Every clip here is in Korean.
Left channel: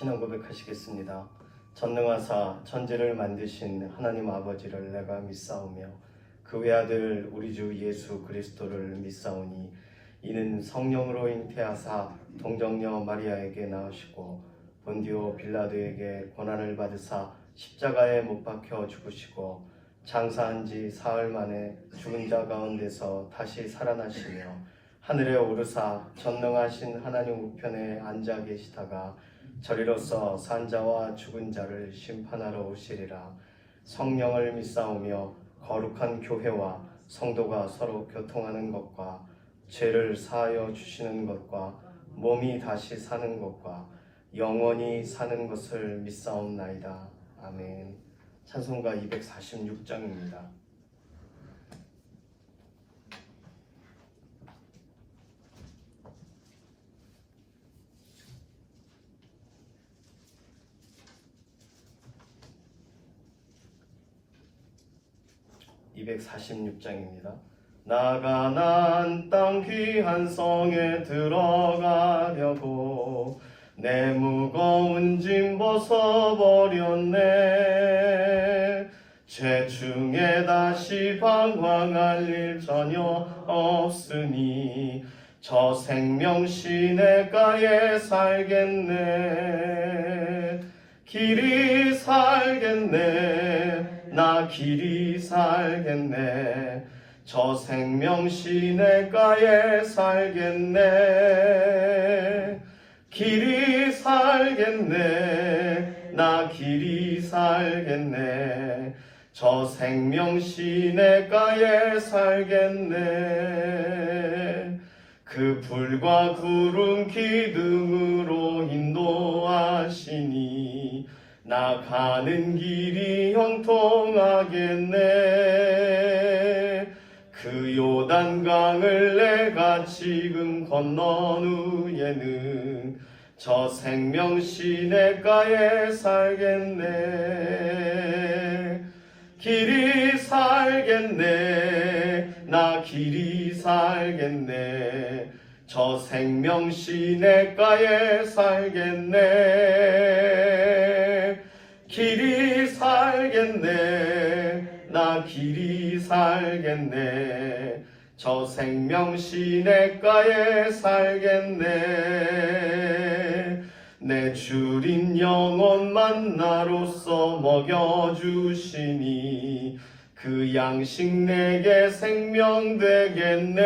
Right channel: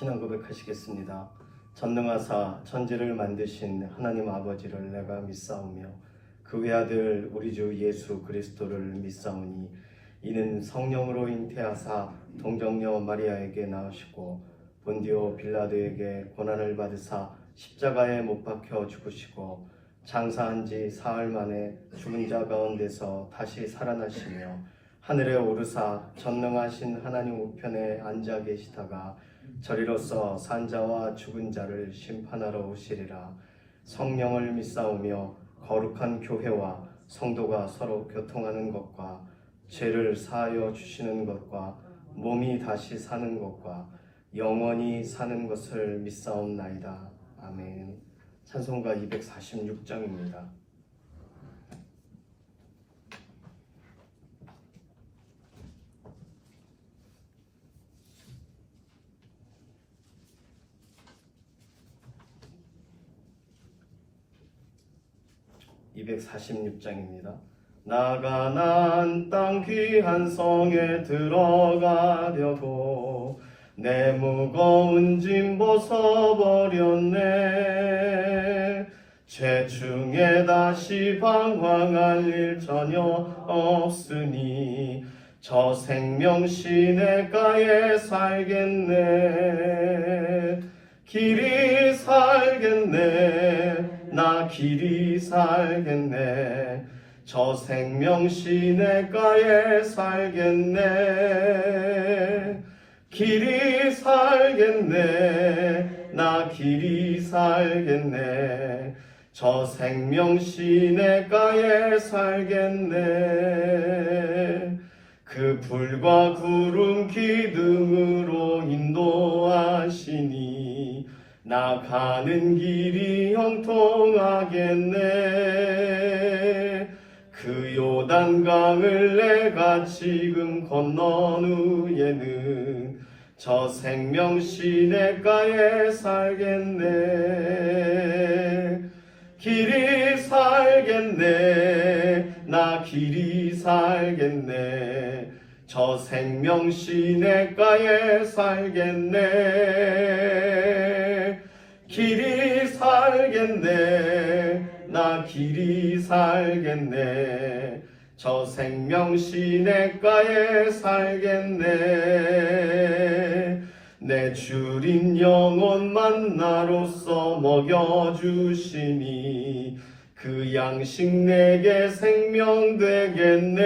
신앙 고백하시겠습니다. 전능하사 천지를 만드신 하나님 아버지를 내가 믿사오며 그 외아들 우리 주 예수 그리스도를 믿사오니 이는 성령으로 잉태하사 동정녀 마리아에게 낳으시고 본디오 빌라도에게 고난을 받으사 십자가에 못 박혀 죽으시고 장사한 지 사흘 만에 죽은 자 가운데서 다시 살아나시며 하늘에 오르사 전능하신 하나님 우편에 앉아 계시다가 저리로서 산 자와 죽은 자를 심판하러 오시리라. 성령을 믿사오며 거룩한 교회와 성도가 서로 교통하는 것과 죄를 사하여 주시는 것과 몸이 다시 사는 것과 영원히 사는 것을 믿사옵나이다. 아멘. 찬송가 246장입니다. 246장입니다. 나가난 땅 귀한 성에 들어가려고 내 무거운 짐 벗어버렸네. 죄 중에 다시 방황할 일 전혀 없으니 저 생명 시냇가에 살겠네. 길이 살겠네. 나 길이 살겠네. 저 생명 시냇가에 살겠네. 길이 살겠네. 나 길이 살겠네. 저 생명 시냇가에 살겠네. 그 불과 구름 기둥으로 인도하시니 나 가는 길이 형통하겠네. 그 요단강을 내가 지금 건넌 후에는 저 생명 시냇가에 살겠네. 길이 살겠네. 나 길이 살겠네. 저 생명 시냇가에 살겠네. 길이 살겠네. 나 길이 살겠네. 저 생명 시냇가에 살겠네. 내 주린 영혼만 나로서 먹여주시니 그 양식 내게 생명 되겠네.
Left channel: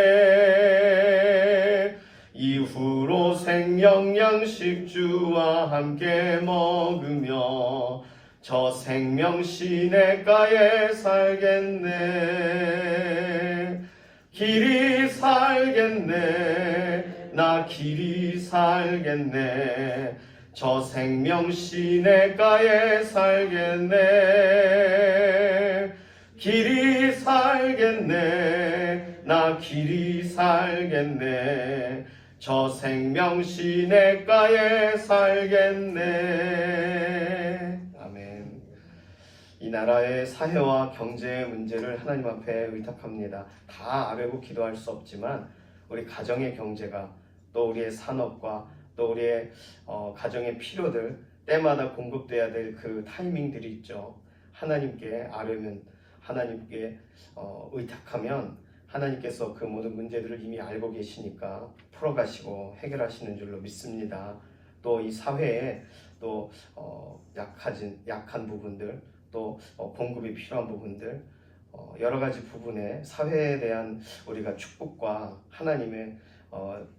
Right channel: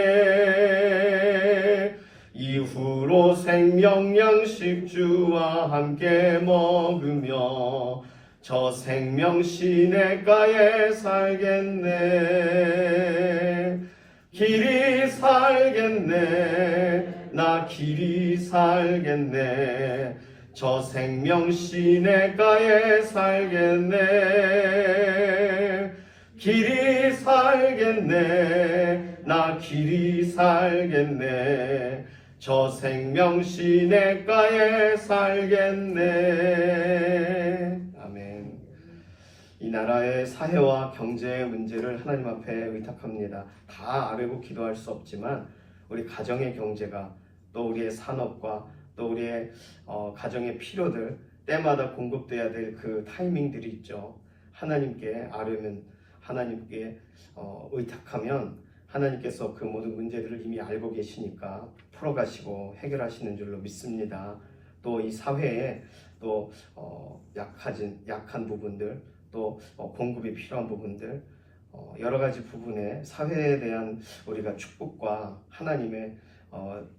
이후로 생명 양식 주와 함께 먹으며 저 생명 시냇가에 살겠네. 길이 살겠네. 나 길이 살겠네. 저 생명 시냇가에 살겠네. 길이 살겠네. 나 길이 살겠네. 저 생명 시냇가에 살겠네. 아멘. 이 나라의 사회와 경제의 문제를 하나님 앞에 의탁합니다. 다 알고 기도할 수 없지만 우리 가정의 경제가 또 우리의 산업과 또 우리의 가정의 필요들 때마다 공급돼야 될 그 타이밍들이 있죠. 하나님께 아뢰면 하나님께 의탁하면 하나님께서 그 모든 문제들을 이미 알고 계시니까 풀어가시고 해결하시는 줄로 믿습니다. 또 이 사회에 또 약한 부분들 또 공급이 필요한 부분들 여러 가지 부분에 사회에 대한 우리가 축복과 하나님의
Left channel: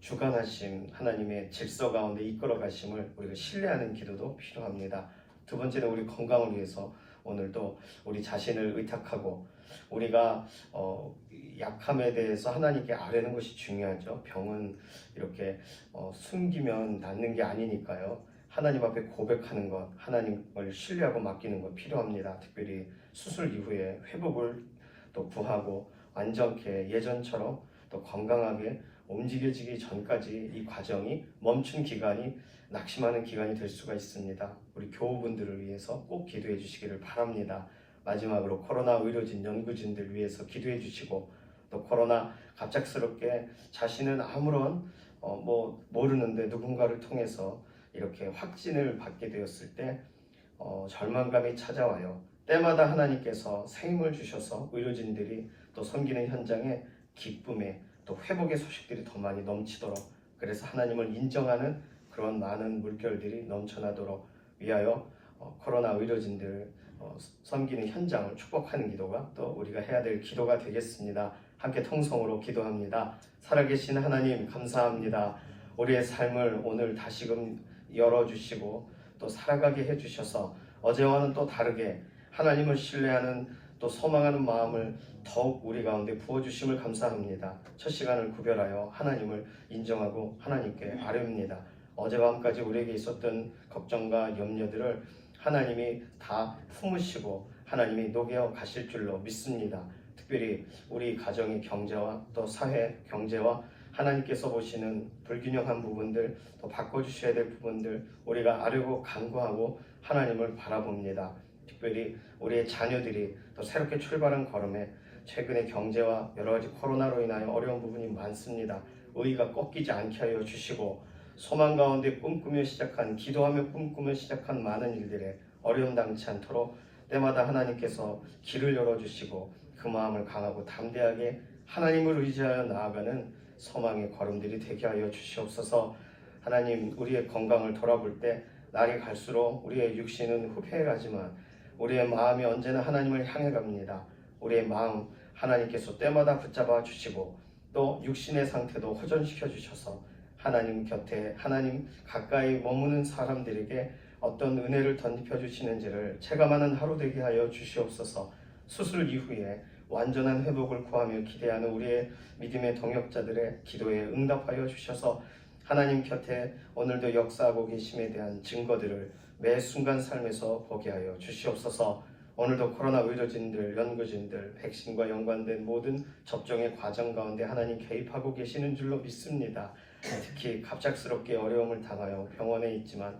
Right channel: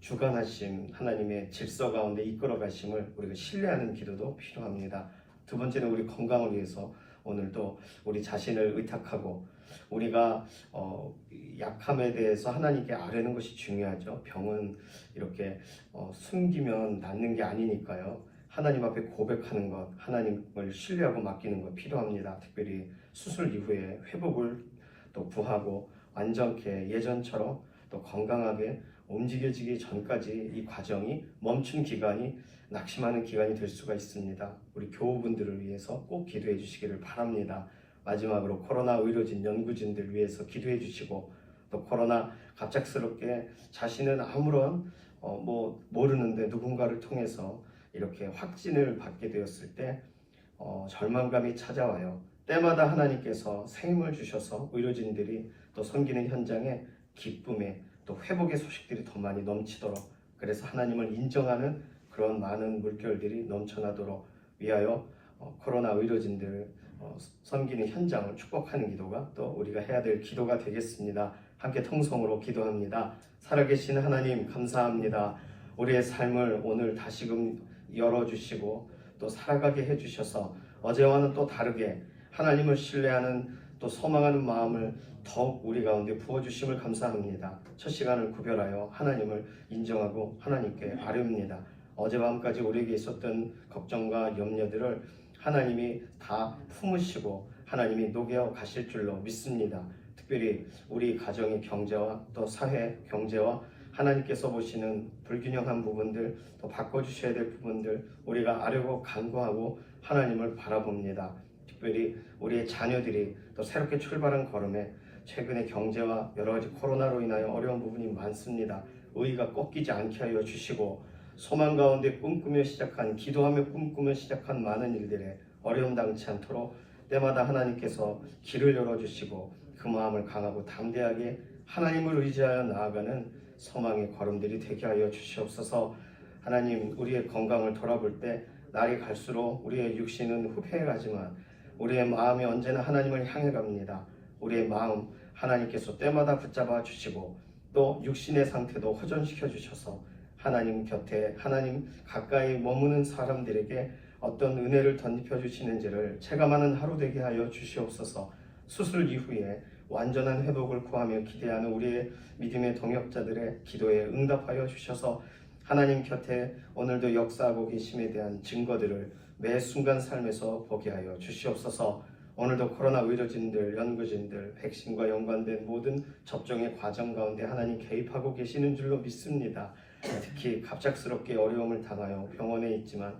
주관하심, 하나님의 질서 가운데 이끌어 가심을 우리가 신뢰하는 기도도 필요합니다. 두 번째는 우리 건강을 위해서 오늘도 우리 자신을 의탁하고 우리가 약함에 대해서 하나님께 아뢰는 것이 중요하죠. 병은 이렇게 숨기면 낫는 게 아니니까요. 하나님 앞에 고백하는 것, 하나님을 신뢰하고 맡기는 것 필요합니다. 특별히 수술 이후에 회복을 또 구하고 완전케 예전처럼 또 건강하게 움직여지기 전까지 이 과정이 멈춘 기간이 낙심하는 기간이 될 수가 있습니다. 우리 교우분들을 위해서 꼭 기도해 주시기를 바랍니다. 마지막으로 코로나 의료진, 연구진들 위해서 기도해 주시고 또 코로나 갑작스럽게 자신은 아무런 모르는데 누군가를 통해서 이렇게 확진을 받게 되었을 때 절망감이 찾아와요. 때마다 하나님께서 새 힘을 주셔서 의료진들이 또 섬기는 현장에 기쁨에 또 회복의 소식들이 더 많이 넘치도록, 그래서 하나님을 인정하는 그런 많은 물결들이 넘쳐나도록 위하여 코로나 의료진들 섬기는 현장을 축복하는 기도가 또 우리가 해야 될 기도가 되겠습니다. 함께 통성으로 기도합니다. 살아계신 하나님 감사합니다. 우리의 삶을 오늘 다시금 열어주시고 또 살아가게 해주셔서 어제와는 또 다르게 하나님을 신뢰하는 또 소망하는 마음을 더욱 우리 가운데 부어주심을 감사합니다. 첫 시간을 구별하여 하나님을 인정하고 하나님께 아뢰옵니다. 어젯밤까지 우리에게 있었던 걱정과 염려들을 하나님이 다 품으시고 하나님이 녹여 가실 줄로 믿습니다. 특별히 우리 가정의 경제와 또 사회 경제와 하나님께서 보시는 불균형한 부분들, 또 바꿔주셔야 될 부분들 우리가 아뢰고 간구하고 하나님을 바라봅니다. 특별히 우리의 자녀들이 또 새롭게 출발한 걸음에 최근에 경제와 여러 가지 코로나로 인하여 어려운 부분이 많습니다. 의의가 꺾이지 않게 하여 주시고 소망 가운데 꿈꾸며 시작한, 기도하며 꿈꾸며 시작한 많은 일들에 어려움 당치 않도록 때마다 하나님께서 길을 열어주시고 그 마음을 강하고 담대하게 하나님을 의지하여 나아가는 소망의 걸음들이 되게 하여 주시옵소서. 하나님, 우리의 건강을 돌아볼 때 날이 갈수록 우리의 육신은 후퇴해가지만 우리의 마음이 언제나 하나님을 향해 갑니다. 우리의 마음 하나님께서 때마다 붙잡아 주시고 또 육신의 상태도 호전시켜 주셔서 하나님 곁에, 하나님 가까이 머무는 사람들에게 어떤 은혜를 덧입혀 주시는지를 체감하는 하루 되게 하여 주시옵소서. 수술 이후에 완전한 회복을 구하며 기대하는 우리의 믿음의 동역자들의 기도에 응답하여 주셔서 하나님 곁에 오늘도 역사하고 계심에 대한 증거들을 매 순간 삶에서 보게 하여 주시옵소서. 오늘도 코로나 의료진들, 연구진들, 백신과 연관된 모든 접종의 과정 가운데 하나님 개입하고 계시는 줄로 믿습니다. 특히 갑작스럽게 어려움을 당하여 병원에 있지만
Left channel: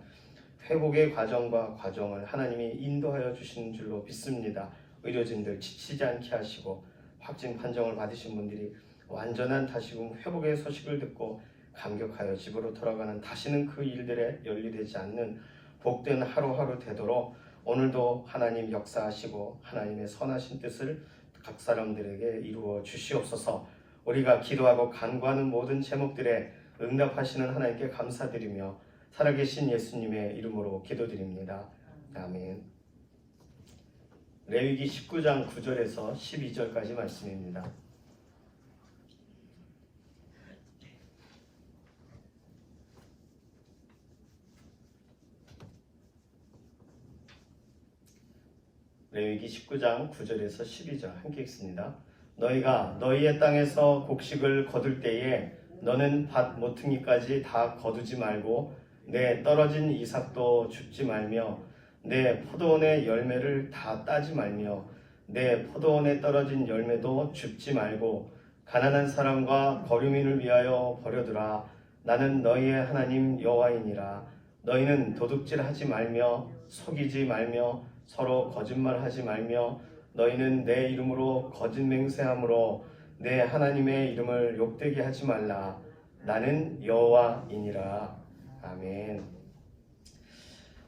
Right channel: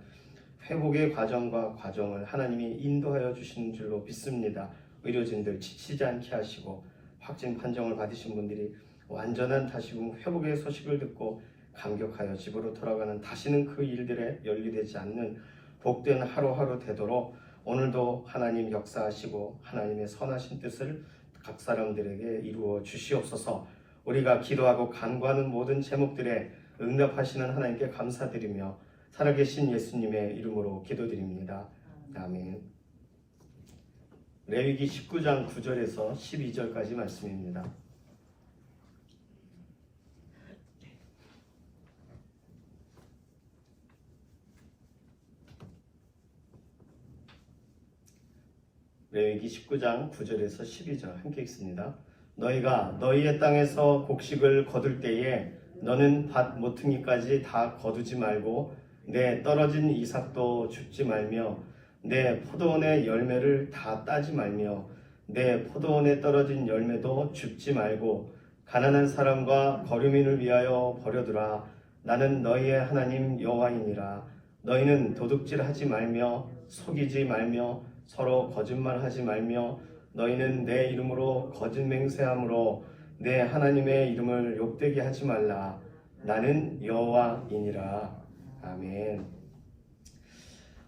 회복의 과정을 하나님이 인도하여 주시는 줄로 믿습니다. 의료진들 지치지 않게 하시고 확진 판정을 받으신 분들이 완전한 다시금 회복의 소식을 듣고 감격하여 집으로 돌아가는 다시는 그 일들에 연루되지 않는 복된 하루하루 되도록 오늘도 하나님 역사하시고 하나님의 선하신 뜻을 각 사람들에게 이루어 주시옵소서. 우리가 기도하고 간구하는 모든 제목들에 응답하시는 하나님께 감사드리며 살아계신 예수님의 이름으로 기도드립니다. 아멘. 레위기 19장 9절에서 12절까지 말씀입니다. 레위기 19장 9절에서 12절 함께 읽습니다. 너희가 너희의 땅에서 곡식을 거둘 때에 너는 밭 모퉁이까지 다 거두지 말고 내 떨어진 이삭도 줍지 말며 내 포도원의 열매를 다 따지 말며 내 포도원에 떨어진 열매도 줍지 말고 가난한 사람과 거류민을 위하여 버려두라. 나는 너희의 하나님 여호와이니라. 너희는 도둑질하지 말며 속이지 말며 서로 거짓말하지 말며 너희는 내 이름으로 거짓 맹세함으로 내 하나님의 이름을 욕되게 하지 말라. 나는 여호와이니라. 아멘.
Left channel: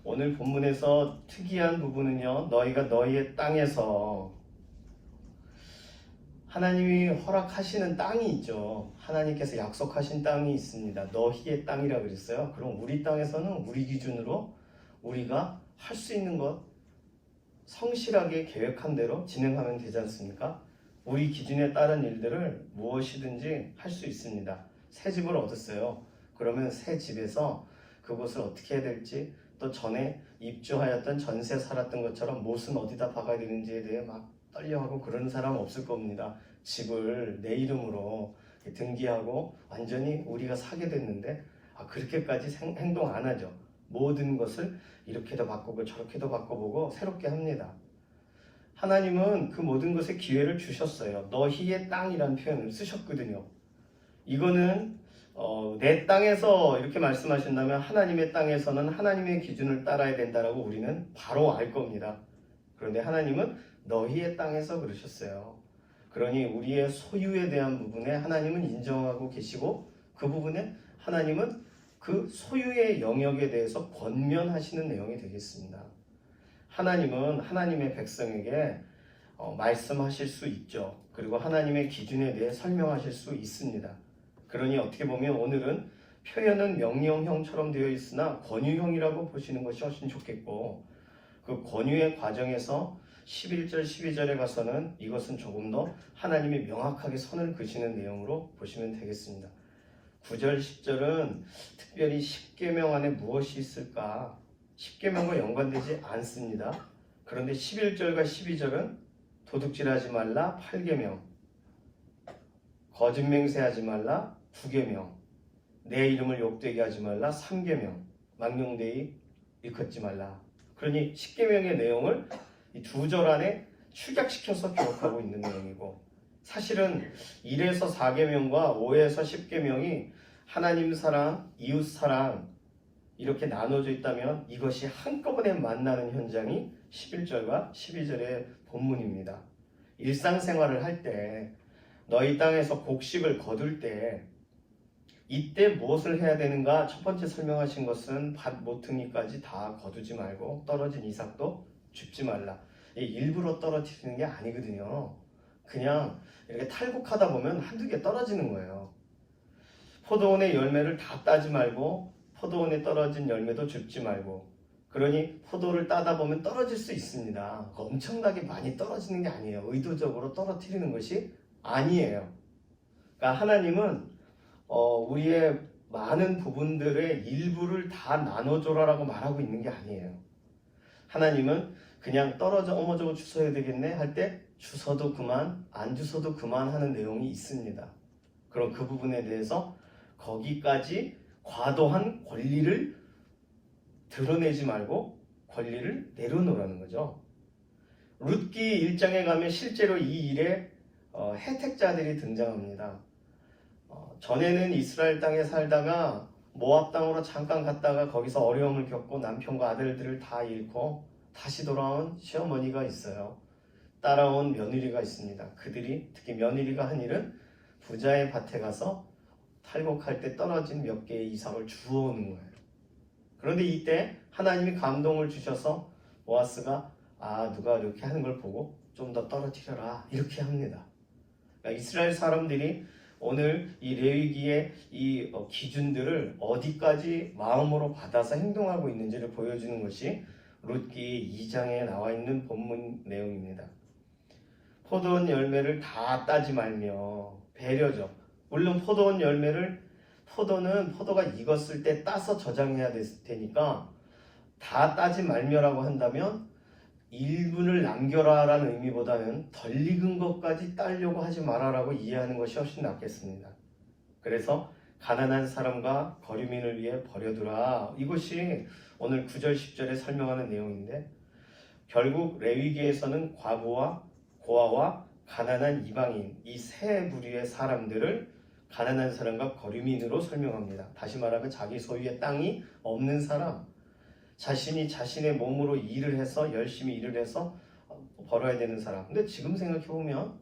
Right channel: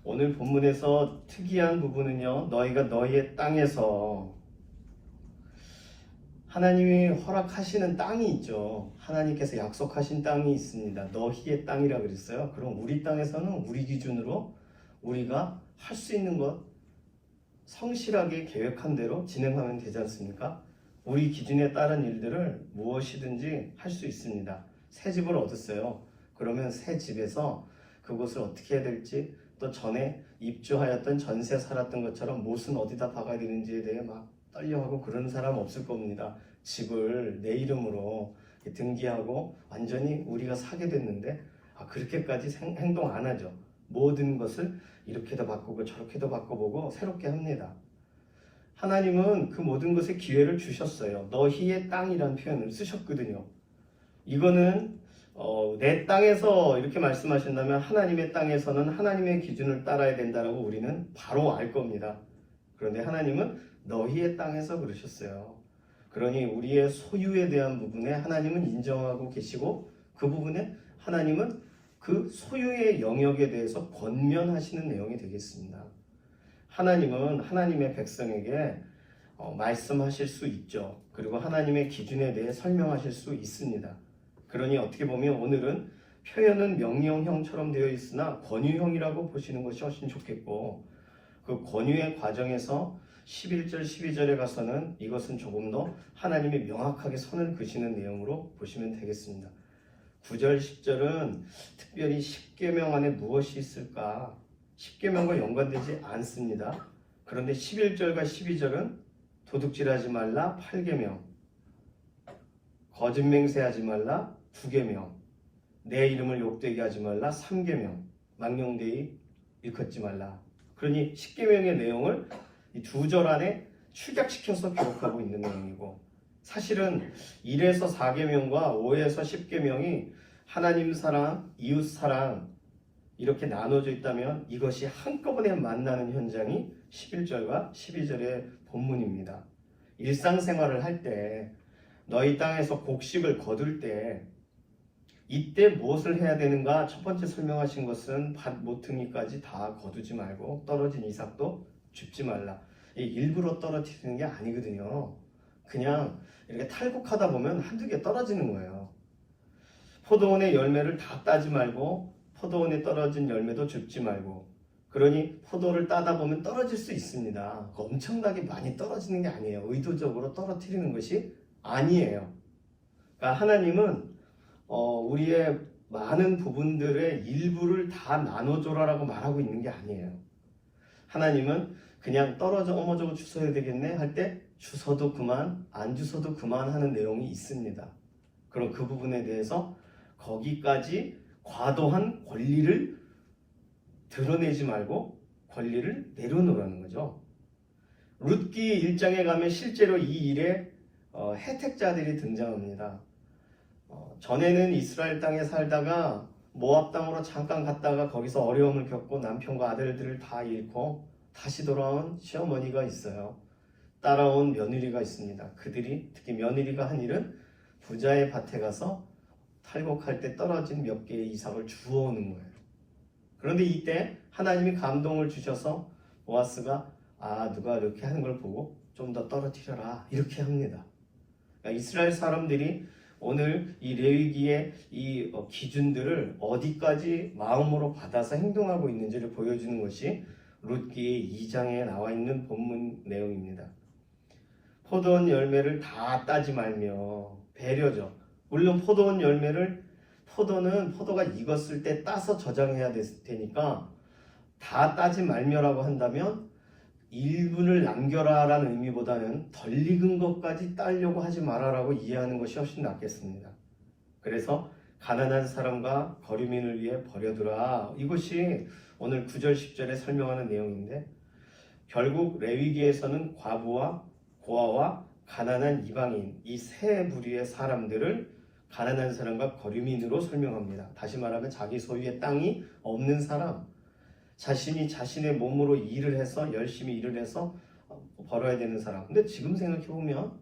오늘 본문에서 특이한 부분은요, 너희가 너희의 땅에서, 하나님이 허락하시는 땅이 있죠. 하나님께서 약속하신 땅이 있습니다. 너희의 땅이라고 그랬어요. 그럼 우리 땅에서는 우리 기준으로 우리가 할 수 있는 것 성실하게 계획한 대로 진행하면 되지 않습니까? 우리 기준에 따른 일들을 무엇이든지 할 수 있습니다. 새 집을 얻었어요. 그러면 새 집에서 그곳을 어떻게 해야 될지, 또 전에 입주하였던 전세 살았던 것처럼 못은 어디다 박아야 되는지에 대해 막 떨려하고 그러는 사람 없을 겁니다. 집을 내 이름으로 등기하고 완전히 우리가 사게 됐는데 그렇게까지 행동 안 하죠. 모든 것을 이렇게도 바꾸고 저렇게도 바꿔보고 새롭게 합니다. 하나님은 그 모든 것에 기회를 주셨어요. 너희의 땅이라는 표현을 쓰셨거든요. 이거는 내 땅에서 이렇게 말씀하신다면 하나님의 땅에서는 하나님의 기준을 따라야 된다라고 우리는 바로 알 겁니다. 그런데 하나님은 너희의 땅에서 그러셨어요. 그러니 우리의 소유에 대한 부분에 하나님은 인정하고 계시고 그 부분에 하나님은 그 소유의 영역에 대해서 권면하시는 내용이 되겠습니다. 하나님은 하나님의 백성에게 말씀하실 수 있죠. 그리고 하나님의 기준에 대해 설명하실 수 있습니다. 그러니 어떻게 보면 오늘은 표현은 명령형처럼 되어 있으나 권유형이라고 보시는 것이 훨씬 좋겠고, 그 권유의 과정에서 11절, 12절에 가서는 이것은 조금 더 하나님이 명확하게 선을 그시는 내용으로 보시면 되겠습니다. 9절, 10절은 특별히 십계명 안에 무엇이 있을까? 십계명과 연관되지 않습니다. 그런데 11절과 12절은 도둑질하지 말라 8계명, 거짓 맹세하지 말라 9계명, 내 이름을 욕되게 하지 말라 3계명, 망령되이 일컫지 말라. 그러니 10계명의 내용을 이 두 절 안에 축약시켜서 기록하고 있는 내용이고, 사실은 1에서 4계명과 5에서 10계명이 하나님 사랑, 이웃 사랑 이렇게 나눠져 있다면 이것이 한꺼번에 만나는 현장이 11절과 12절의 본문입니다. 일상생활을 할 때, 너희 땅에서 곡식을 거둘 때 이때 무엇을 해야 되는가? 첫 번째 설명하신 것은 밭 모퉁이까지 다 거두지 말고 떨어진 이삭도 줍지 말라. 일부러 떨어뜨리는 게 아니거든요. 그냥 이렇게 탈곡하다 보면 한두 개 떨어지는 거예요. 포도원의 열매를 다 따지 말고 포도원에 떨어진 열매도 줍지 말고. 그러니 포도를 따다 보면 떨어질 수 있습니다. 엄청나게 많이 떨어지는 게 아니에요. 의도적으로 떨어뜨리는 것이 아니에요. 그러니까 하나님은 우리의 많은 부분들의 일부를 다 나눠줘라라고 말하고 있는 게 아니에요. 하나님은 그냥 떨어져 어머저거 주워야 되겠네 할 때 주워도 그만, 안 주워도 그만 하는 내용이 있습니다. 그럼 그 부분에 대해서 거기까지 과도한 권리를 드러내지 말고 권리를 내려놓으라는 거죠. 룻기 1장에 가면 실제로 이 일에 혜택자들이 등장합니다. 전에는 이스라엘 땅에 살다가 모압 땅으로 잠깐 갔다가 거기서 어려움을 겪고 남편과 아들들을 다 잃고 다시 돌아온 시어머니가 있어요. 따라온 며느리가 있습니다. 그들이 특히 며느리가 한 일은 부자의 밭에 가서 탈곡할 때 떨어진 몇 개의 이삭을 주워오는 거예요. 그런데 이때 하나님이 감동을 주셔서 보아스가 누가 이렇게 하는 걸 보고 좀 더 떨어뜨려라 이렇게 합니다. 그러니까 이스라엘 사람들이 오늘 이 레위기의 이 기준들을 어디까지 마음으로 받아서 행동하고 있는지를 보여주는 것이 룻기 2장에 나와 있는 본문 내용입니다. 포도원 열매를 다 따지 말며, 배려죠. 물론 포도원 열매를, 포도는 포도가 익었을 때 따서 저장해야 되니까 다 따지 말며라고 한다면 일분을 남겨라라는 의미보다는 덜 익은 것까지 따려고 하지 마라라고 이해하는 것이 훨씬 낫겠습니다. 그래서 가난한 사람과 거류민을 위해 버려두라, 이것이 오늘 9절 10절에 설명하는 내용인데, 결국 레위기에서는 과부와 고아와 가난한 이방인 이 세 부류의 사람들을 가난한 사람과 거류민으로 설명합니다. 다시 말하면 자기 소유의 땅이 없는 사람, 자신이 자신의 몸으로 일을 해서 열심히 일을 해서 벌어야 되는 사람. 근데 지금 생각해 보면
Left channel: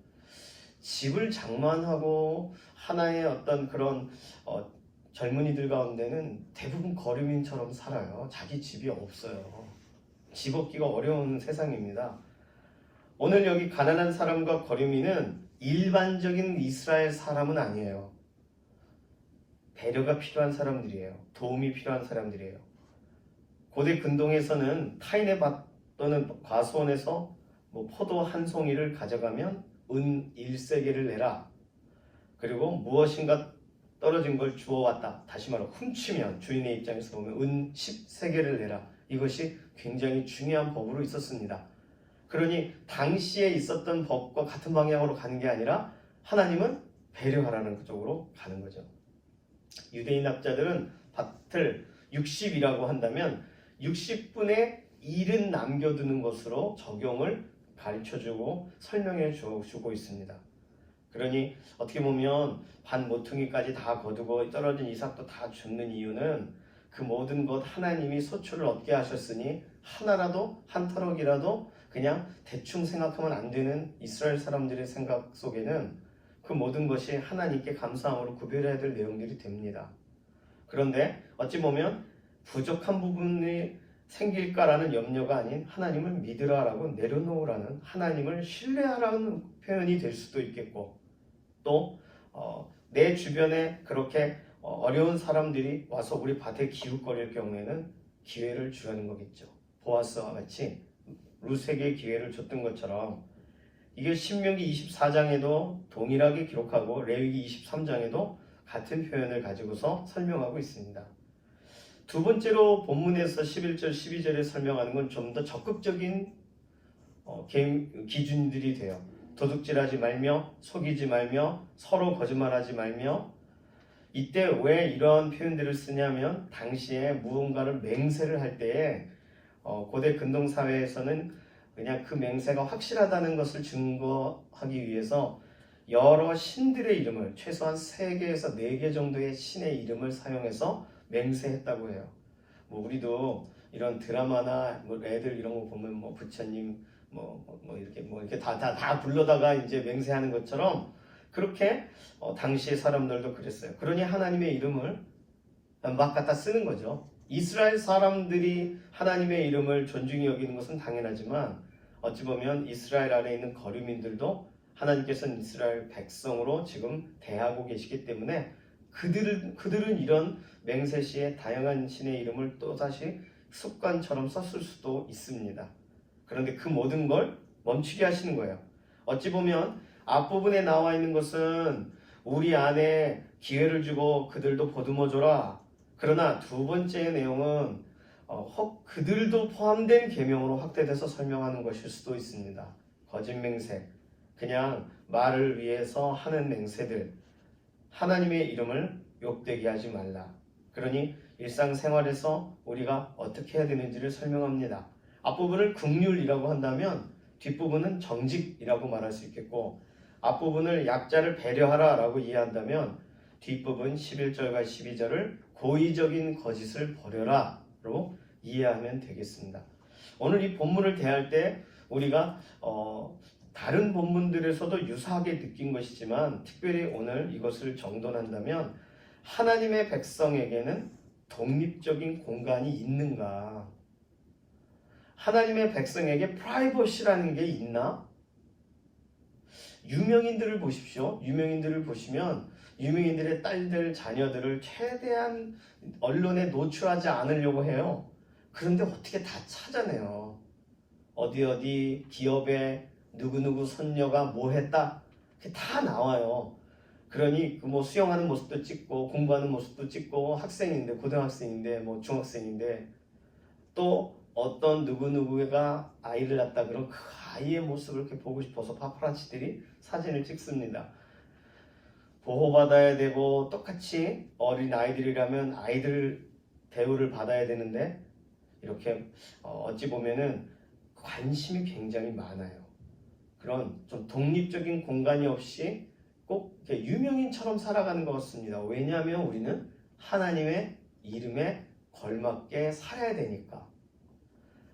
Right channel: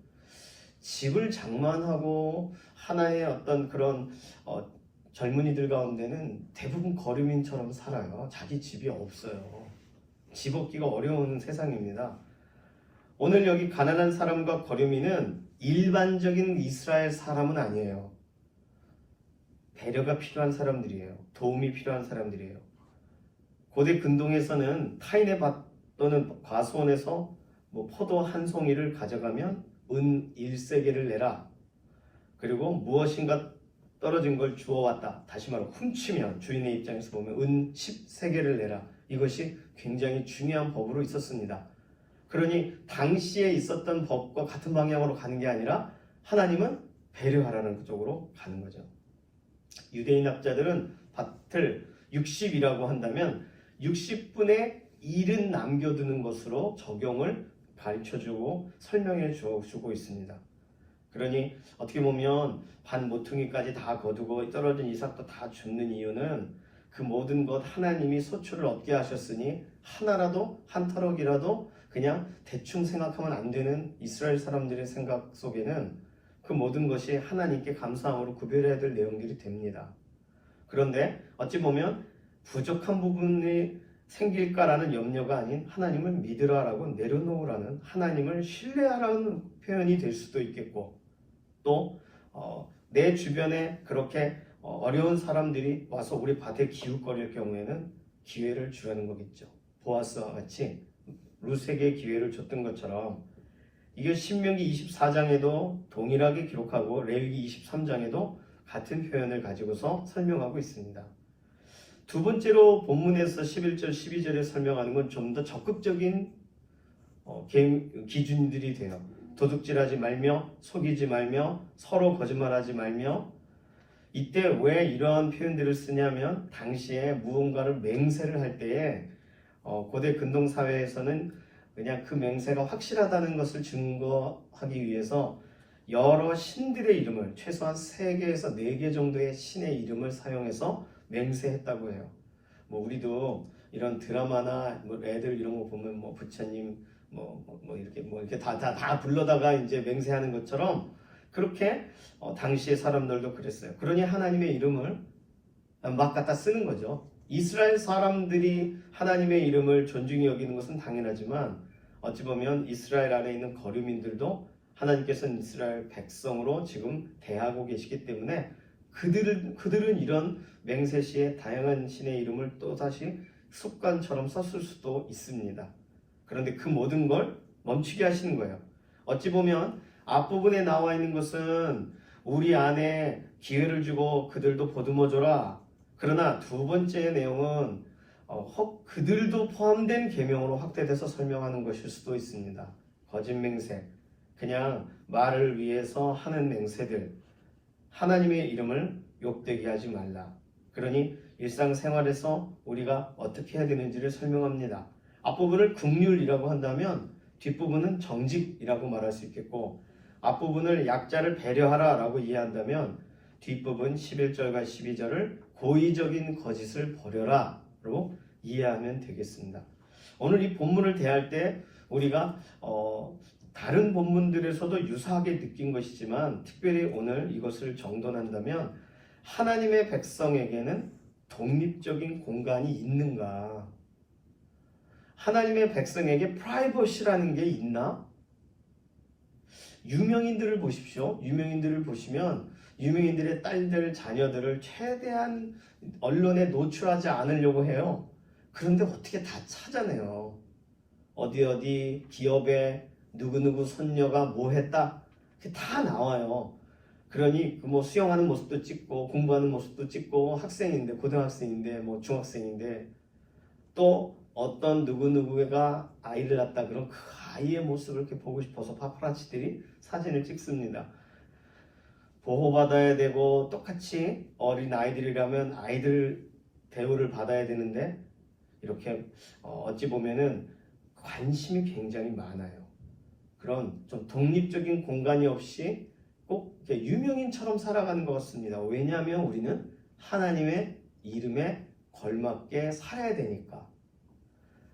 집을 장만하고 하나의 어떤 그런 젊은이들 가운데는 대부분 거류민처럼 살아요. 자기 집이 없어요. 집 얻기가 어려운 세상입니다. 오늘 여기 가난한 사람과 거류민은 일반적인 이스라엘 사람은 아니에요. 배려가 필요한 사람들이에요. 도움이 필요한 사람들이에요. 고대 근동에서는 타인의 밭 또는 과수원에서 포도 한 송이를 가져가면 은 1세겔을 내라. 그리고 무엇인가 떨어진 걸 주워왔다. 다시 말하면 훔치면 주인의 입장에서 보면 은 10세겔을 내라. 이것이 굉장히 중요한 법으로 있었습니다. 그러니 당시에 있었던 법과 같은 방향으로 가는 게 아니라 하나님은 배려하라는 쪽으로 가는 거죠. 유대인 학자들은 밭을 60이라고 한다면 60분의 1은 남겨두는 것으로 적용을 가르쳐주고 설명해 주고 있습니다. 그러니 어떻게 보면 밭 모퉁이까지 다 거두고 떨어진 이삭도 다 줍는 이유는 그 모든 것 하나님이 소출을 얻게 하셨으니 하나라도 한 터럭이라도 그냥 대충 생각하면 안 되는 이스라엘 사람들의 생각 속에는 그 모든 것이 하나님께 감사함으로 구별해야 될 내용들이 됩니다. 그런데 어찌 보면 부족한 부분이 생길까라는 염려가 아닌 하나님을 믿으라라고 내려놓으라는, 하나님을 신뢰하라는 표현이 될 수도 있겠고, 또 내 주변에 그렇게 어려운 사람들이 와서 우리 밭에 기웃거릴 경우에는 기회를 주라는 거겠죠. 보아스와 같이 룻에게 기회를 줬던 것처럼, 이게 신명기 24장에도 동일하게 기록하고 레위기 23장에도 같은 표현을 가지고서 설명하고 있습니다. 두 번째로 본문에서 11절 12절에 설명하는 건 좀 더 적극적인 기준들이 돼요. 도둑질하지 말며, 속이지 말며, 서로 거짓말하지 말며. 이때 왜 이런 표현들을 쓰냐면, 당시에 무언가를 맹세를 할 때에 고대 근동 사회에서는 그냥 그 맹세가 확실하다는 것을 증거하기 위해서 여러 신들의 이름을, 최소한 3개에서 4개 정도의 신의 이름을 사용해서 맹세했다고 해요. 우리도 이런 드라마나 애들 이런 거 보면 부처님 이렇게 다 불러다가 이제 맹세하는 것처럼, 그렇게 당시의 사람들도 그랬어요. 그러니 하나님의 이름을 막 갖다 쓰는 거죠. 이스라엘 사람들이 하나님의 이름을 존중히 여기는 것은 당연하지만, 어찌 보면 이스라엘 안에 있는 거류민들도 하나님께서는 이스라엘 백성으로 지금 대하고 계시기 때문에 그들은 이런 맹세 시에 다양한 신의 이름을 또다시 습관처럼 썼을 수도 있습니다. 그런데 그 모든 걸 멈추게 하시는 거예요. 어찌 보면 앞부분에 나와 있는 것은 우리 안에 기회를 주고 그들도 보듬어줘라. 그러나 두 번째 내용은 혹 그들도 포함된 계명으로 확대돼서 설명하는 것일 수도 있습니다. 거짓 맹세, 그냥 말을 위해서 하는 맹세들, 하나님의 이름을 욕되게 하지 말라. 그러니 일상생활에서 우리가 어떻게 해야 되는지를 설명합니다. 앞부분을 긍휼이라고 한다면 뒷부분은 정직이라고 말할 수 있겠고, 앞부분을 약자를 배려하라 라고 이해한다면 뒷부분 11절과 12절을 고의적인 거짓을 버려라 로 이해하면 되겠습니다. 오늘 이 본문을 대할 때 우리가 다른 본문들에서도 유사하게 느낀 것이지만, 특별히 오늘 이것을 정돈한다면, 하나님의 백성에게는 독립적인 공간이 있는가? 하나님의 백성에게 프라이버시라는 게 있나? 유명인들을 보십시오. 유명인들을 보시면 유명인들의 딸들, 자녀들을 최대한 언론에 노출하지 않으려고 해요. 그런데 어떻게 다 찾아내요. 어디 기업에 누구누구 손녀가 뭐 했다, 그게 다 나와요. 그러니 수영하는 모습도 찍고, 공부하는 모습도 찍고, 학생인데, 고등학생인데, 중학생인데, 또 어떤 누구누구가 아이를 낳았다 그러면 그 아이의 모습을 이렇게 보고 싶어서 파파라치들이 사진을 찍습니다. 보호받아야 되고, 똑같이 어린 아이들이라면 아이들 대우를 받아야 되는데, 이렇게 어찌 보면은 관심이 굉장히 많아요. 그런 좀 독립적인 공간이 없이 꼭 유명인처럼 살아가는 것 같습니다. 왜냐하면 우리는 하나님의 이름에 걸맞게 살아야 되니까.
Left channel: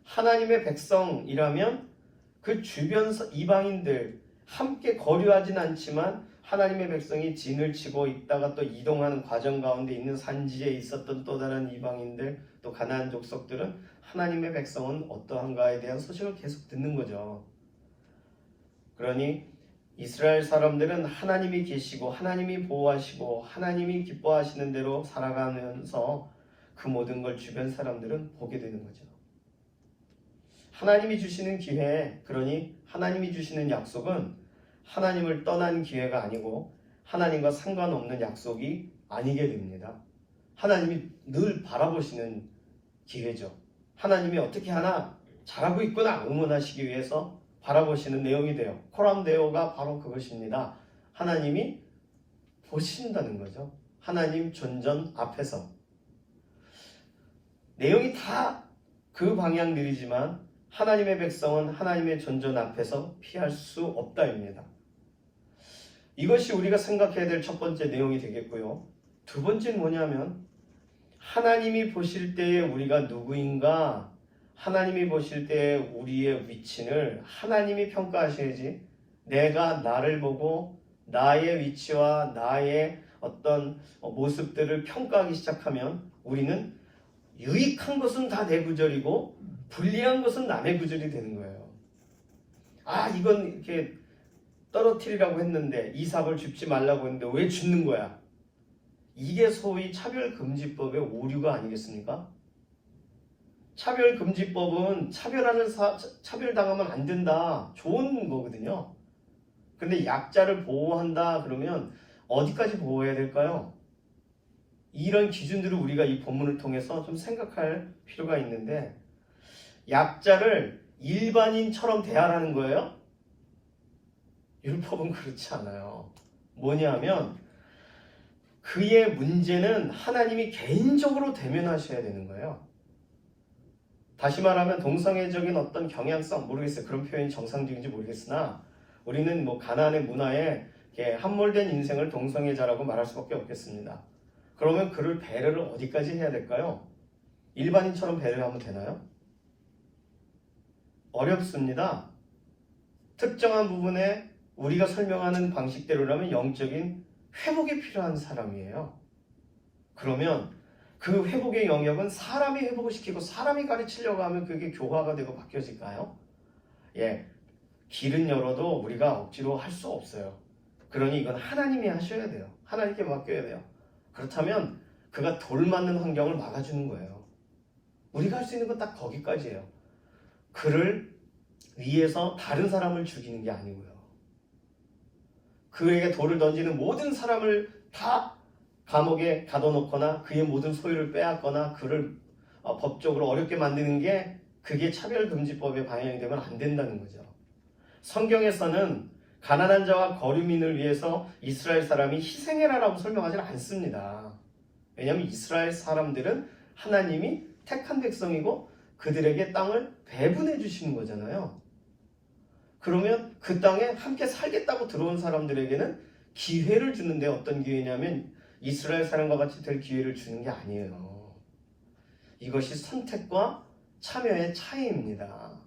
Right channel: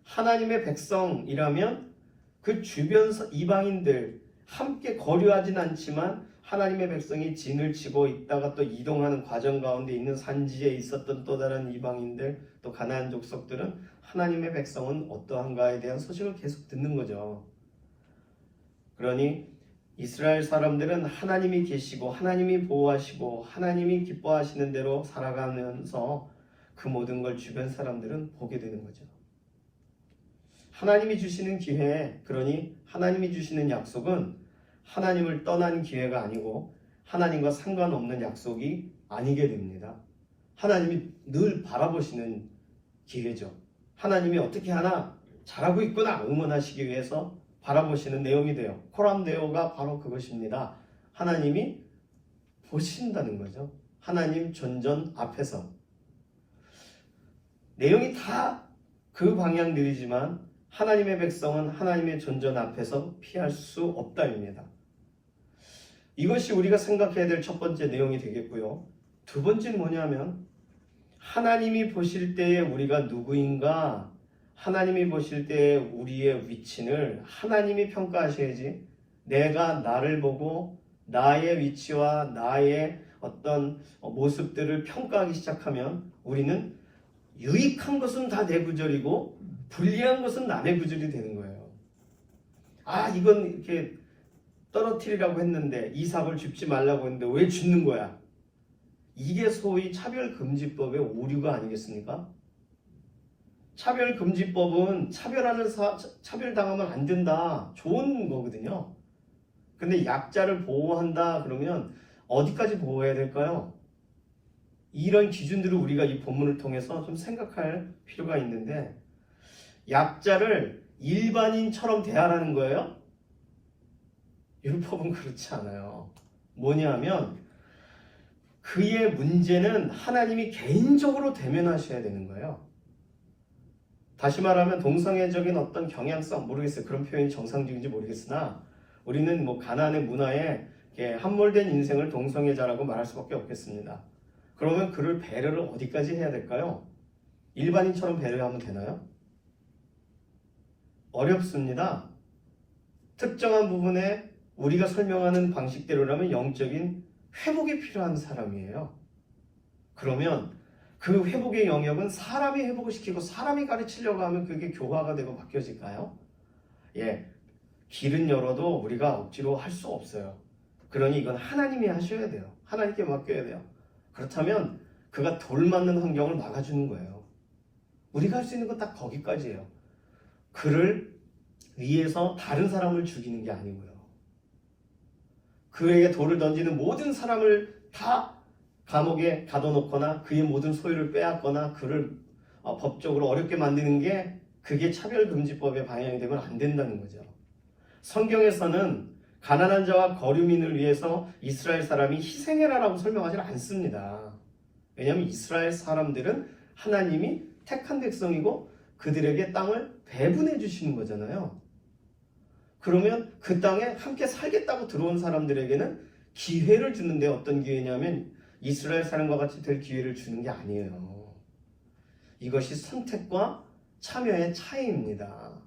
하나님의 백성이라면 그 주변 이방인들 함께 거류하진 않지만, 하나님의 백성이 진을 치고 있다가 또 이동하는 과정 가운데 있는 산지에 있었던 또 다른 이방인들, 또 가나안 족속들은 하나님의 백성은 어떠한가에 대한 소식을 계속 듣는 거죠. 그러니 이스라엘 사람들은 하나님이 계시고, 하나님이 보호하시고, 하나님이 기뻐하시는 대로 살아가면서 그 모든 걸 주변 사람들은 보게 되는 거죠. 하나님이 주시는 기회, 그러니 하나님이 주시는 약속은 하나님을 떠난 기회가 아니고 하나님과 상관없는 약속이 아니게 됩니다. 하나님이 늘 바라보시는 기회죠. 하나님이 어떻게 하나 잘하고 있구나 응원하시기 위해서 바라보시는 내용이 돼요. 코람데오가 바로 그것입니다. 하나님이 보신다는 거죠. 하나님 존전 앞에서. 내용이 다 그 방향들이지만 하나님의 백성은 하나님의 존전 앞에서 피할 수 없다입니다. 이것이 우리가 생각해야 될 첫 번째 내용이 되겠고요. 두 번째는 뭐냐면, 하나님이 보실 때에 우리가 누구인가, 하나님이 보실 때 우리의 위치를 하나님이 평가하셔야지, 내가 나를 보고 나의 위치와 나의 어떤 모습들을 평가하기 시작하면 우리는 유익한 것은 다 내 구절이고 불리한 것은 남의 구절이 되는 거예요. 아, 이건 이렇게 떨어뜨리라고 했는데 이삭을 줍지 말라고 했는데 왜 줍는 거야? 이게 소위 차별금지법의 오류가 아니겠습니까? 차별금지법은 차별당하면 안 된다. 좋은 거거든요. 근데 약자를 보호한다 그러면 어디까지 보호해야 될까요? 이런 기준들을 우리가 이 본문을 통해서 좀 생각할 필요가 있는데, 약자를 일반인처럼 대하라는 거예요? 율법은 그렇지 않아요. 뭐냐면 그의 문제는 하나님이 개인적으로 대면하셔야 되는 거예요. 다시 말하면 동성애적인 어떤 경향성, 모르겠어요. 그런 표현이 정상적인지 모르겠으나 우리는 뭐 가난의 문화에 함몰된 인생을 동성애자라고 말할 수밖에 없겠습니다. 그러면 그를 배려를 어디까지 해야 될까요? 일반인처럼 배려하면 되나요? 어렵습니다. 특정한 부분에 우리가 설명하는 방식대로라면 영적인 회복이 필요한 사람이에요. 그러면 그 회복의 영역은 사람이 회복을 시키고 사람이 가르치려고 하면 그게 교화가 되고 바뀌어질까요? 예, 길은 열어도 우리가 억지로 할 수 없어요. 그러니 이건 하나님이 하셔야 돼요. 하나님께 맡겨야 돼요. 그렇다면 그가 돌맞는 환경을 막아주는 거예요. 우리가 할 수 있는 건 딱 거기까지예요. 그를 위해서 다른 사람을 죽이는 게 아니고요. 그에게 돌을 던지는 모든 사람을 다 감옥에 가둬놓거나 그의 모든 소유를 빼앗거나 그를 법적으로 어렵게 만드는 게, 그게 차별금지법의 방향이 되면 안 된다는 거죠. 성경에서는 가난한 자와 거류민을 위해서 이스라엘 사람이 희생해라라고 설명하지 않습니다. 왜냐하면 이스라엘 사람들은 하나님이 택한 백성이고 그들에게 땅을 배분해 주시는 거잖아요. 그러면 그 땅에 함께 살겠다고 들어온 사람들에게는 기회를 주는데, 어떤 기회냐면 이스라엘 사람과 같이 될 기회를 주는 게 아니에요. 이것이 선택과 참여의 차이입니다.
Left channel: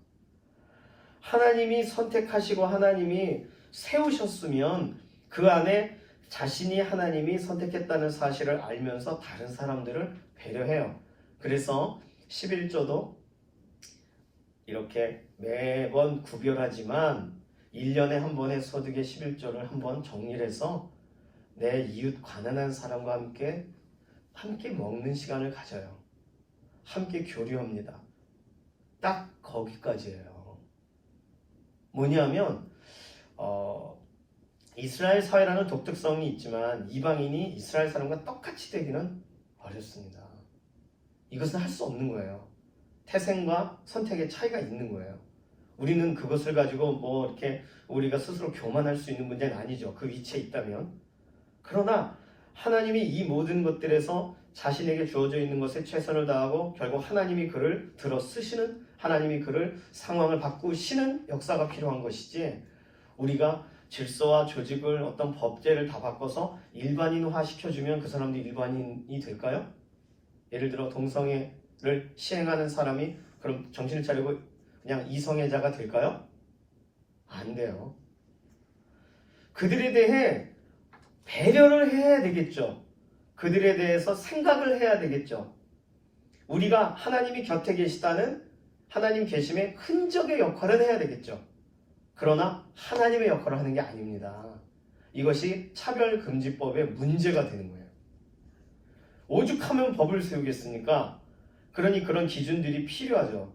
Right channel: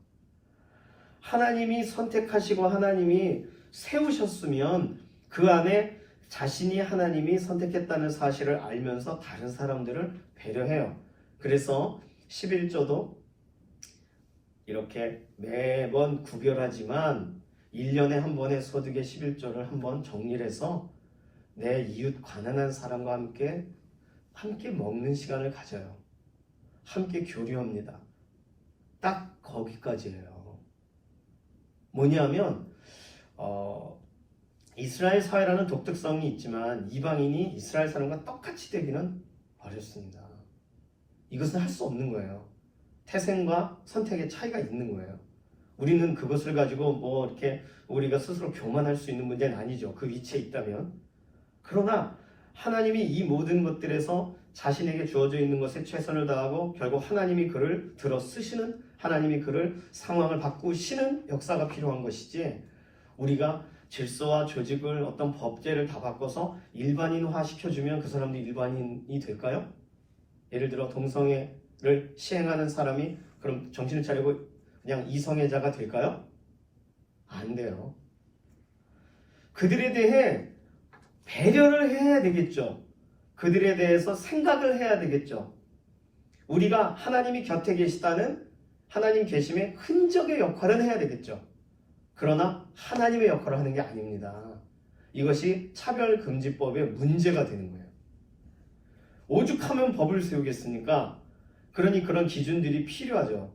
하나님이 선택하시고 하나님이 세우셨으면 그 안에 자신이 하나님이 선택했다는 사실을 알면서 다른 사람들을 배려해요. 그래서 11조도 이렇게 매번 구별하지만 1년에 한 번의 소득의 11조를 한번 정리를 해서 내 이웃 가난한 사람과 함께 먹는 시간을 가져요. 함께 교류합니다. 딱 거기까지예요. 뭐냐면 이스라엘 사회라는 독특성이 있지만 이방인이 이스라엘 사람과 똑같이 되기는 어렵습니다. 이것은 할 수 없는 거예요. 태생과 선택의 차이가 있는 거예요. 우리는 그것을 가지고 뭐 이렇게 우리가 스스로 교만할 수 있는 문제는 아니죠. 그 위치에 있다면. 그러나 하나님이 이 모든 것들에서 자신에게 주어져 있는 것에 최선을 다하고 결국 하나님이 그를 들어 쓰시는, 하나님이 그를 상황을 바꾸시는 역사가 필요한 것이지, 우리가 질서와 조직을 어떤 법제를 다 바꿔서 일반인화 시켜주면 그 사람들이 일반인이 될까요? 예를 들어 동성애를 시행하는 사람이 그럼 정신을 차리고 그냥 이성애자가 될까요? 안 돼요. 그들에 대해 배려를 해야 되겠죠. 그들에 대해서 생각을 해야 되겠죠. 우리가 하나님이 곁에 계시다는 하나님 계심의 흔적의 역할을 해야 되겠죠. 그러나 하나님의 역할을 하는 게 아닙니다. 이것이 차별금지법의 문제가 되는 거예요. 오죽하면 법을 세우겠습니까? 그러니 그런 기준들이 필요하죠.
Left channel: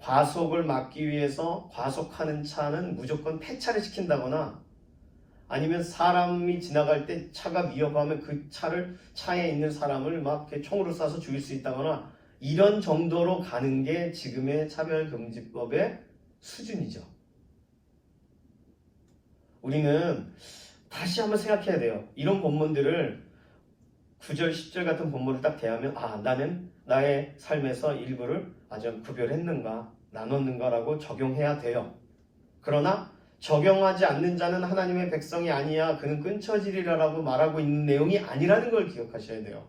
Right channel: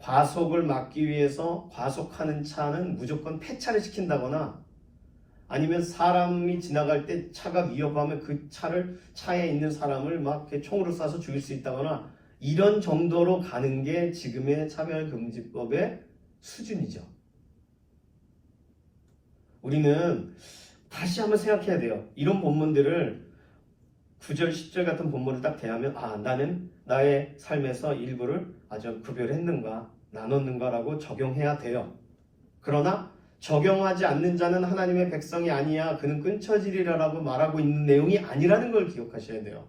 과속을 막기 위해서 과속하는 차는 무조건 폐차를 시킨다거나, 아니면 사람이 지나갈 때 차가 위협하면 그 차에 있는 사람을 막 이렇게 총으로 쏴서 죽일 수 있다거나, 이런 정도로 가는 게 지금의 차별금지법의 수준이죠. 우리는 다시 한번 생각해야 돼요. 이런 본문들을 9절, 10절 같은 본문을 딱 대하면, 나는 나의 삶에서 일부를 아주 구별했는가, 나눴는가라고 적용해야 돼요. 그러나 적용하지 않는 자는 하나님의 백성이 아니야, 그는 끊쳐지리라라고 말하고 있는 내용이 아니라는 걸 기억하셔야 돼요.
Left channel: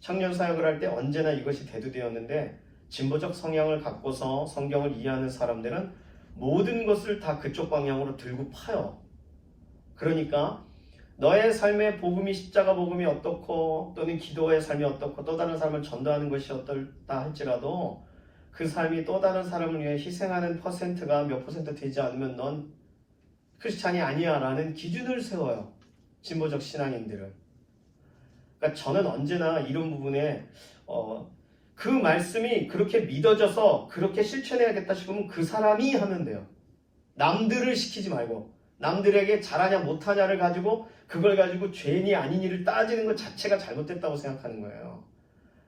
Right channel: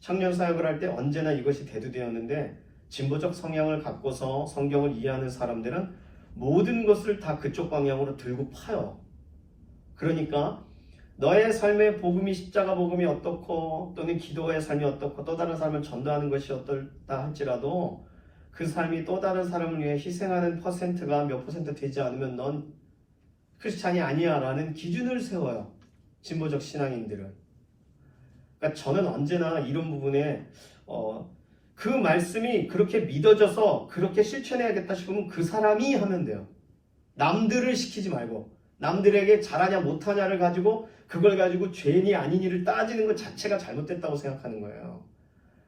청년 사역을 할 때 언제나 이것이 대두되었는데, 진보적 성향을 갖고서 성경을 이해하는 사람들은 모든 것을 다 그쪽 방향으로 들고 파요. 그러니까 너의 삶의 복음이 십자가 복음이 어떻고 또는 기도의 삶이 어떻고 또 다른 사람을 전도하는 것이 어떨다 할지라도 그 삶이 또 다른 사람을 위해 희생하는 퍼센트가 몇 퍼센트 되지 않으면 넌 크리스찬이 아니야 라는 기준을 세워요. 진보적 신앙인들은. 그러니까 저는 언제나 이런 부분에 그 말씀이 그렇게 믿어져서 그렇게 실천해야겠다 싶으면 그 사람이 하면 돼요. 남들을 시키지 말고 남들에게 잘하냐 못하냐를 가지고 그걸 가지고 죄인이 아닌 일을 따지는 것 자체가 잘못됐다고 생각하는 거예요.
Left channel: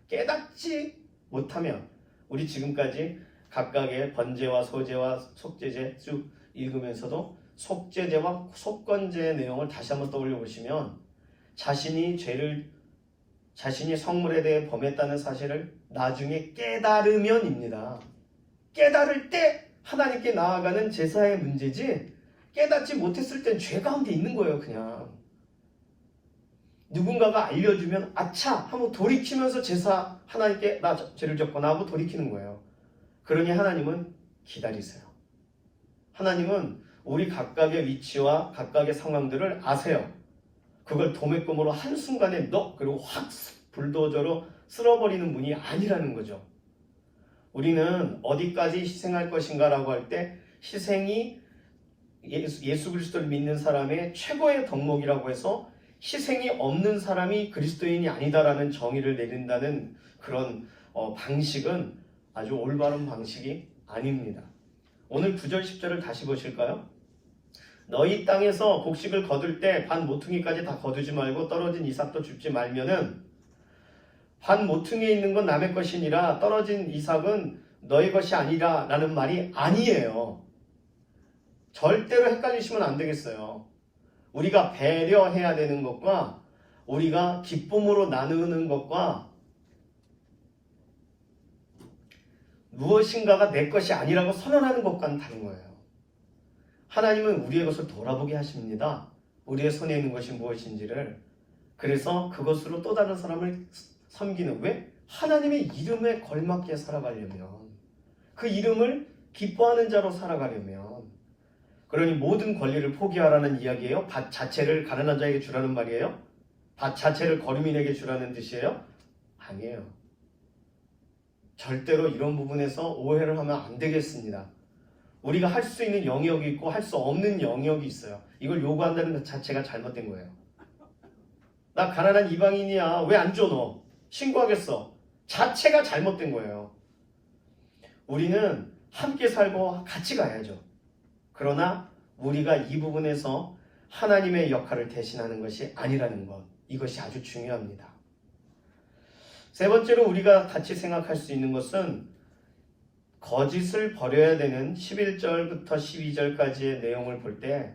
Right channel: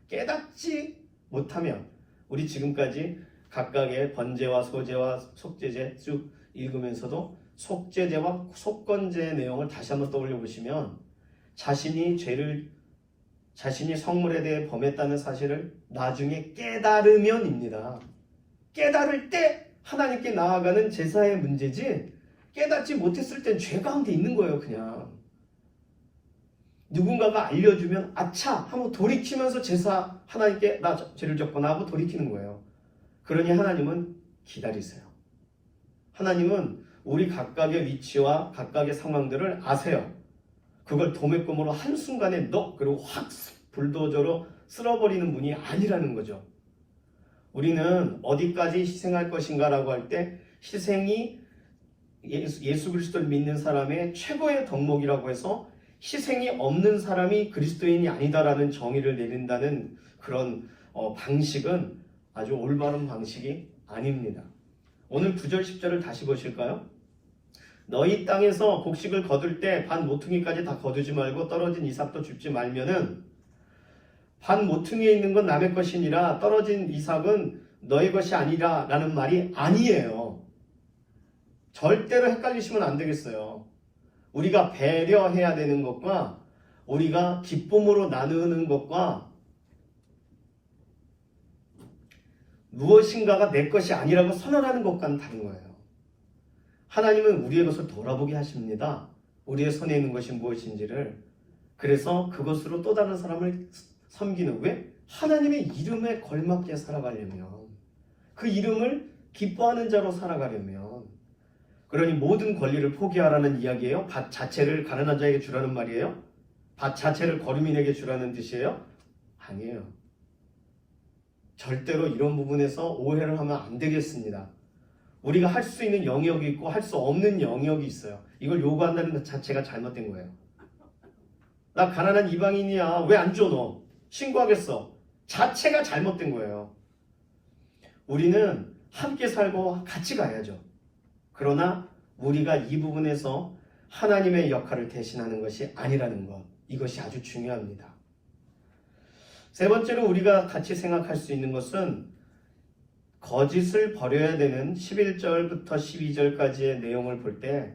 깨닫지 못하면 우리 지금까지 각각의 번제와 소제와 속죄제 쭉 읽으면서도 속죄제와 속건제의 내용을 다시 한번 떠올려 보시면 자신이 성물에 대해 범했다는 사실을 나중에 깨달으면입니다. 깨달을 때 하나님께 나아가는 제사의 문제지 깨닫지 못했을 땐 죄 가운데 있는 거예요. 그냥 누군가가 알려주면 아차 하고 돌이키면서 제사 하나님께 나 죄를 졌구나 하고 돌이키는 거예요. 그러니 하나님은 기다리세요. 하나님은 우리 각각의 위치와 각각의 상황들을 아세요. 그걸 도매금으로 한순간에 그리고 확 불도저로 쓸어버리는 분이 아니라는 거죠. 우리는 어디까지 희생할 것인가 라고 할 때 희생이 예수 그리스도를 믿는 사람의 최고의 덕목이라고 해서 희생이 없는 사람이 그리스도인이 아니다라는 정의를 내린다는 그런 방식은 아주 올바른 방식이 아닙니다. 오늘 9절 10절을 다시 보실까요? 너희 땅에서 곡식을 거둘 때 반 모퉁이까지 다 거두지 말고 떨어진 이삭도 줍지 말면은 반 모퉁이에 있는 건 남의 것이니라 떨어진 이삭은 너의 것이 아니라 라는 말이 아니에요. 절대로 헷갈리시면 안 되겠어요. 우리가 배려해야 되는 것과 우리가 기쁨으로 나누는 것과 무엇인가가 내 것이 아니라고 선언하는 것과는 다른 거예요. 하나님은 우리의 것을 돌아보게 하십니다. 우리의 손에 있는 것이 무엇인지를. 그래서 그것으로 또 다른 사람을 섬기는. 왜? 하나님의 이름에 걸맞게 살아가려면, 그 이름을 기뻐하는 자로 살아가려면. 그러니 모든 권리를 포기하라는 이야기예요? 밭 자체를 가난한 자에게 주라는 말이에요? 밭 자체를 거류민에게 주라는 뜻이에요? 아니에요. 절대로 이런 부분에서 오해를 하면 안 되겠습니다. 우리가 할 수 있는 영역이 있고 할 수 없는 영역이 있어요. 이걸 요구한다는 것 자체가 잘못된 거예요. 나 가난한 이방인이야. 왜 안 줘 너? 신고하겠어. 자체가 잘못된 거예요. 우리는 함께 살고 같이 가야죠. 그러나 우리가 이 부분에서 하나님의 역할을 대신하는 것이 아니라는 것, 이것이 아주 중요합니다. 세 번째로 우리가 같이 생각할 수 있는 것은 거짓을 버려야 되는 11절부터 12절까지의 내용을 볼 때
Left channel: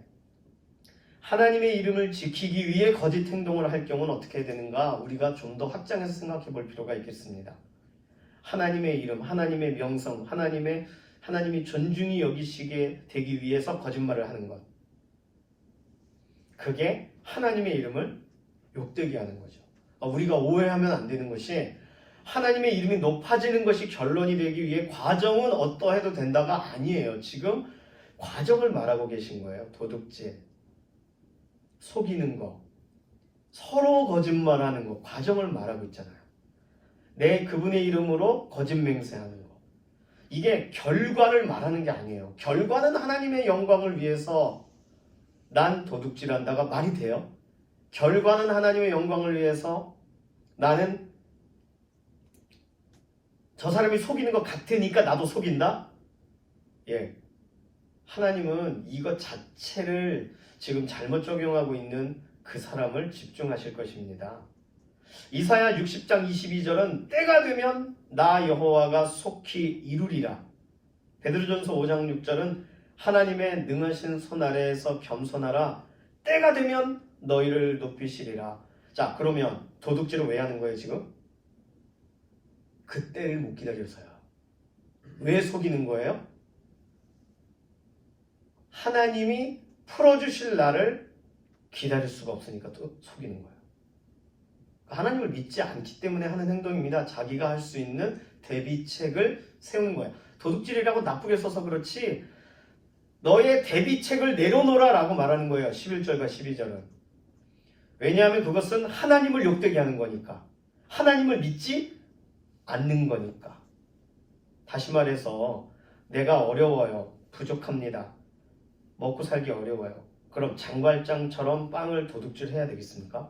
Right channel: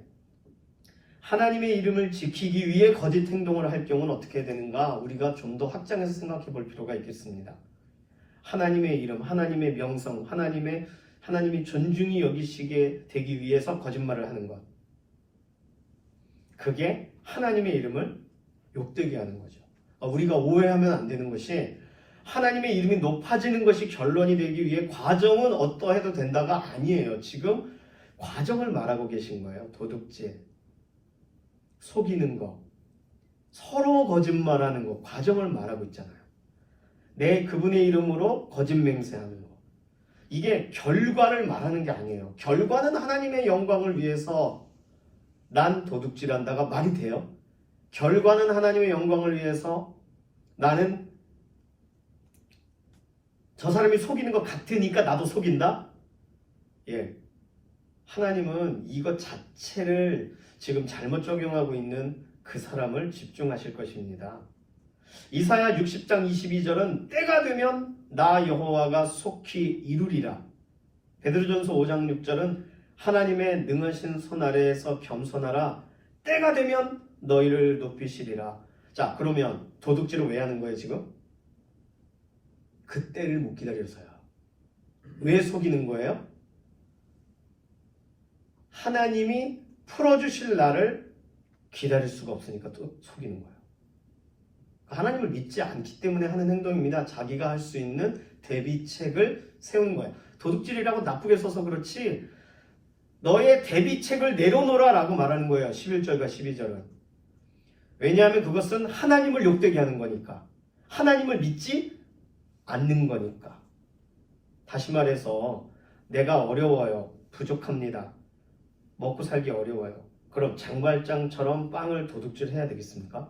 하나님의 이름을 지키기 위해 거짓 행동을 할 경우는 어떻게 되는가, 우리가 좀 더 확장해서 생각해 볼 필요가 있겠습니다. 하나님의 이름, 하나님의 명성, 하나님이 존중이 여기시게 되기 위해서 거짓말을 하는 것, 그게 하나님의 이름을 욕되게 하는 거죠. 우리가 오해하면 안 되는 것이 하나님의 이름이 높아지는 것이 결론이 되기 위해 과정은 어떠해도 된다가 아니에요. 지금 과정을 말하고 계신 거예요. 도둑질, 속이는 거, 서로 거짓말하는 거, 과정을 말하고 있잖아요. 내 그분의 이름으로 거짓 맹세하는 거, 이게 결과를 말하는 게 아니에요. 결과는 하나님의 영광을 위해서 난 도둑질한다가 말이 돼요? 결과는 하나님의 영광을 위해서 나는 저 사람이 속이는 것 같으니까 나도 속인다? 예. 하나님은 이것 자체를 지금 잘못 적용하고 있는 그 사람을 집중하실 것입니다. 이사야 60장 22절은 때가 되면 나 여호와가 속히 이루리라. 베드로전서 5장 6절은 하나님의 능하신 손 아래에서 겸손하라. 때가 되면 너희를 높이시리라. 자, 그러면 도둑질을 왜 하는 거예요 지금? 그 때를 못 기다려서요. 왜 속이는 거예요? 하나님이 풀어주실 날을 기다릴 수가 없으니까 또 속이는 거예요. 하나님을 믿지 않기 때문에 하는 행동입니다. 자기가 할 수 있는 대비책을 세우는 거예요. 도둑질이라고 나쁘게 써서 그렇지 너의 대비책을 내려놓으라 라고 말하는 거예요. 11절과 12절은. 왜냐하면 그것은 하나님을 욕되게 하는 거니까. 하나님을 믿지 않는 거니까. 다시 말해서 내가 어려워요. 부족합니다. 먹고 살기 어려워요. 그럼 장발장처럼 빵을 도둑질 해야 되겠습니까?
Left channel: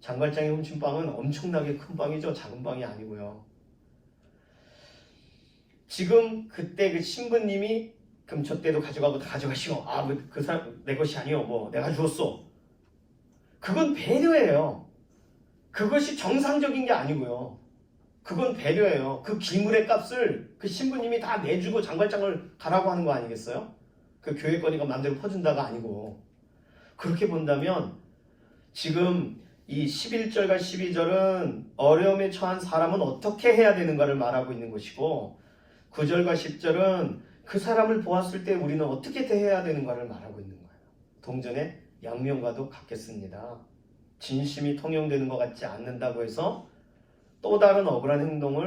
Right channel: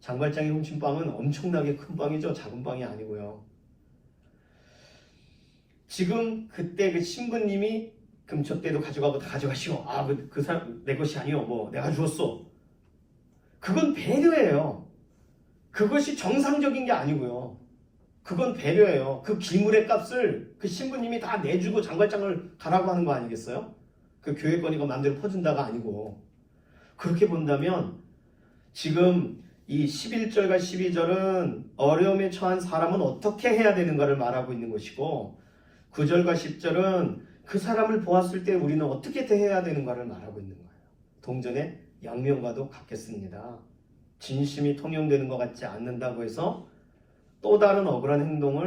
장발장이 훔친 빵은 엄청나게 큰 빵이죠. 작은 빵이 아니고요. 지금 그때 그 신부님이 금초대도 가져가고 다 가져가시오. 그 사람 내 것이 아니오. 뭐 내가 주었어. 그건 배려예요. 그것이 정상적인 게 아니고요. 그건 배려예요. 그 기물의 값을 그 신부님이 다 내주고 장발장을 가라고 하는 거 아니겠어요? 그 교회권이가 마음대로 퍼준다가 아니고. 그렇게 본다면 지금 이 11절과 12절은 어려움에 처한 사람은 어떻게 해야 되는가를 말하고 있는 것이고 9절과 10절은 그 사람을 보았을 때 우리는 어떻게 대해야 되는가를 말하고 있는 거예요. 동전의 양면과도 같겠습니다. 진심이 통용되는 것 같지 않는다고 해서 또 다른 억울한 행동을